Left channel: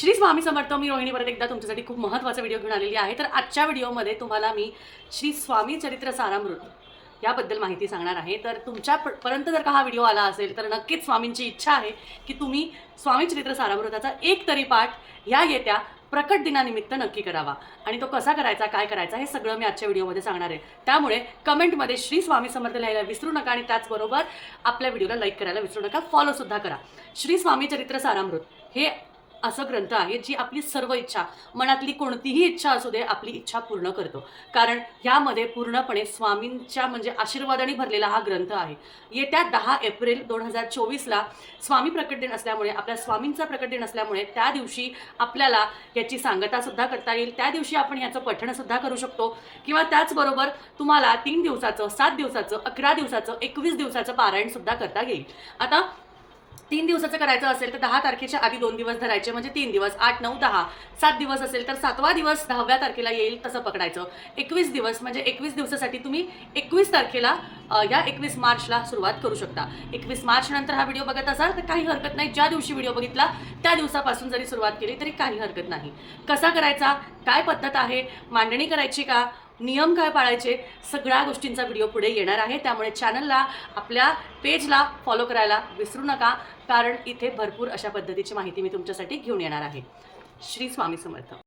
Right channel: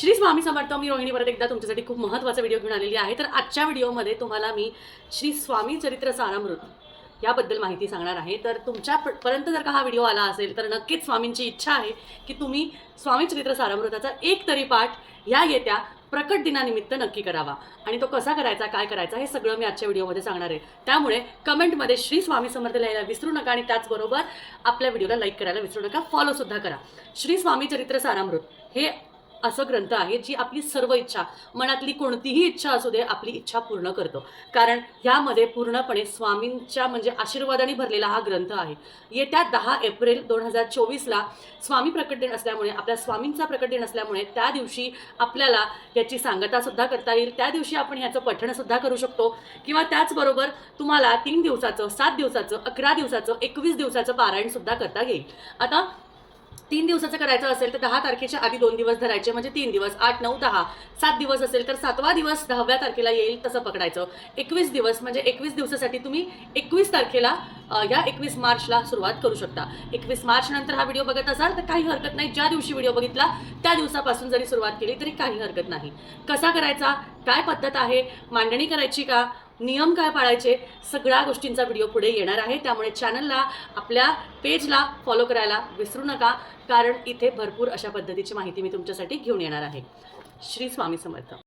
श्री स्वामी समर्थ मी रोहिणी परत एकदा तुमच्यासाठी खूप महत्त्वाचा व्हिडिओ घेऊन आलेली आहे. तर आजच्या व्हिडिओमध्ये तुम्हाला मी श्री स्वामी चरित्र सारामृत याबद्दल माहिती सांगणार आहे. तर तुमच्या प- पर्यंत जर का हा व्हिडिओ आला असेल तर नक्कीच स्वामींची इच्छा आहे की तुम्ही स्वामी चरित्र सारामृताचा एक तरी पाठ या येत्या प्रकट दिनानिमित्त नक्की करावा. आणि तो कसा करायचा काय करायचा हे सगळं मी आजच्या व्हिडिओमध्ये सांगणार आहे. त्यामुळे कमेंटमध्ये श्री स्वामी समर्थ लिहायला विसरू नका आणि त्याचबरोबर आपल्या व्हिडिओला लाईक करायला विसरू नका फॉलोसुद्धा करा. श्री स्वामी चरित्र सारामृत हे असं ग्रंथ आहे जी आपली सर्व इच्छा मनातली कोणतीही इच्छा असू दे आपली इच्छा पूर्ण करतो. कारण ह्यामध्ये पूर्णपणे स्वामींच्या म्हणजे आशीर्वादाने भरलेला हा ग्रंथ आहे. येत्या दहा एप्रिल दोन हजार चोवीसला स्वामी प्रकट दिन असल्यामुळे आपल्या स्वामींचा प्रकट दिन असल्यामुळे त्या दिवशी आपल्याला याची सांगतासुद्धा करता येईल. त्या दिवशी आपण ह्याचं पठणसुद्धा करू शकतो. किंवा त्याचबरोबर तुम्हाला तीन दिवसाचं सात दिवसाचं अकरा दिवसाचं एकवीस दिवसाचं पारायणसुद्धा करता येईल. आता तीन दिवसाचं करायचं असेल तर दहा तारखेच्या आधी दोन दिवस धरायचे म्हणजे तीन दिवस आठ नऊ दहा. सात दिवस असेल तर सातवा दिवस दहाव्या तारखेला येईल तसं पकडायचं. एकवीस दिवस म्हणजे एकवीस दिवसासाठी तुम्ही एकवीस तारखेला या एकवीस मार्चला सुरुवात करू शकता. एकवीस मार्च नंतर हा व्हिडिओ बघत असाल तर काही हरकत नाही. ज्या दिवशी व्हिडिओ बघितला त्या दिवसापासून जरी सुरुवात केली तरी काही हरकत नाही. कसा करायचा? काय पद्धत आहे? मांडणी करायची का? नियम काय पाळायचे सगळ्या गोष्टींचा व्हिडिओ पुढे येणार आहे. त्यामुळे चॅनलला आपल्या पेजला फॉलो करायला विसरू नका कारण इथे भरपूर अशा पद्धतीची माहिती मी तुमच्यासाठी घेऊन येणार आहे. श्री स्वामी समर्थ.